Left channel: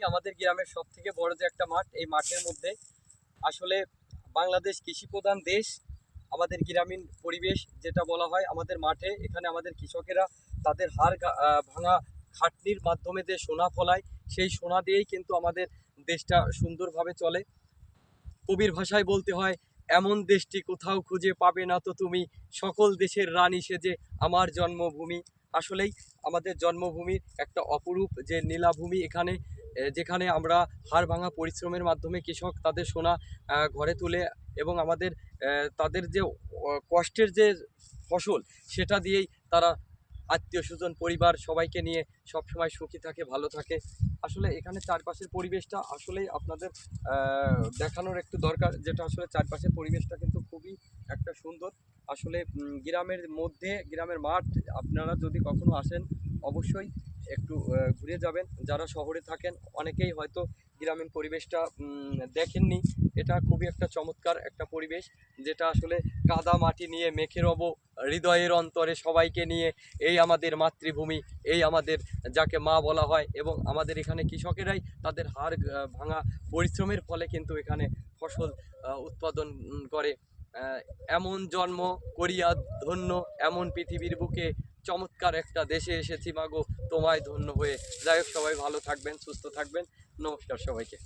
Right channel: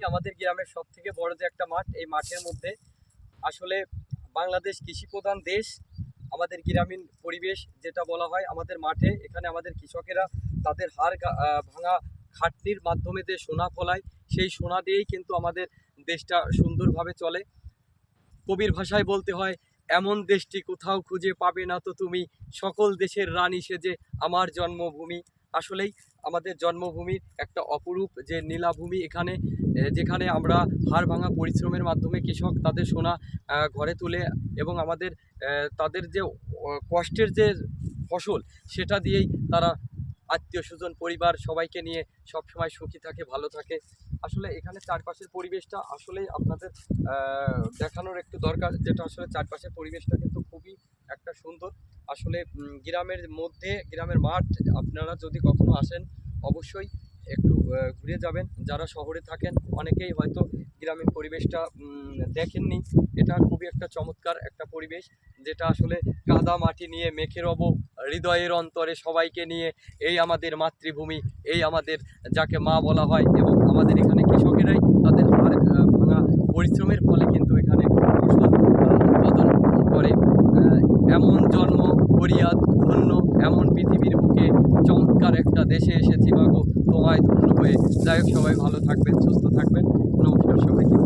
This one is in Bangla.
আমাদের গ্রামের সব থেকে বড় যে একটা মাঠ, এই মাঠের মধ্যে আসলে বাংলাদেশ কৃষি প্রধান দেশ, আমাদের গ্রামীণ পরিবেশ যেটা বলা হয় আমাদের মাঠে। এখানে আমাদের কৃষকেরা তাদের হাড় ভাঙা খাটনির মাধ্যমে যে সোনা ফলায়, সেই সোনা দিয়েই কিন্তু আমাদের দেশটা সুন্দরভাবে চলে। কবির ভাষায় বলতে হয়, এমন দেশটি কোথাও খুঁজে পাবে না তো তুমি, সকল দেশের রানী সেজে আমার জন্মভূমি। আসলেই আমাদের জন্মভূমির একটা অপরূপ যে নীলাভূমি এখানে যেখানে আমরা হাড় ভাঙা পরিশ্রমের মাধ্যমে কৃষক তাদের সোনা ঘরে তুলে এবং আমাদের তাদের যে কষ্টের যে ফসল সেটা দিয়েই তারা আত্মীয় স্বজন, পরিবার সবাইকে নিয়ে সব সময় সুখী থাকে, ভালো থাকে। আসলে এখানে চারপাশের পরিবেশটা আসলেই আপনাদের দেখানোর একটু দরকার, যেটা আসলে চারপাশের পরিবেশটা কিন্তু খুবই একটা সুন্দর। আসলে গ্রামের মধ্যে, গ্রামের মাঠ, আপনারা যদি কখনো আসেন, অবশ্যই একটু ঘুরে যাবেন। যারা শহরে থাকেন, অনেকেই হয়তো গ্রামীণ পরিবেশটা দেখেননি। এটা খুবই একটা চমৎকার একটা পরিবেশ, যেটা আসলে কাদা মাটি নিয়ে মেখে রব, হৃদয়ের অন্তরে সবাইকে নিয়ে, এই আমাদের মাতৃভূমি, এই আমাদের যাকে মা বলা হয়, এবং আমাদের এখানে কৃষকেরাই তাদের হাড় ভাঙা পরিশ্রমের ফলে কিন্তু এখানে ফসল এমন জন্ম করিয়া ধন্য, এমন পৃথিবীর বুকে চমৎকার একটা দেশে এসেছি মাগো, তোমায় ধন্য হয়ে। যাই হোক, সবাই ভালো থাকবেন, সুস্থ থাকবেন। নমস্কার সবাইকে।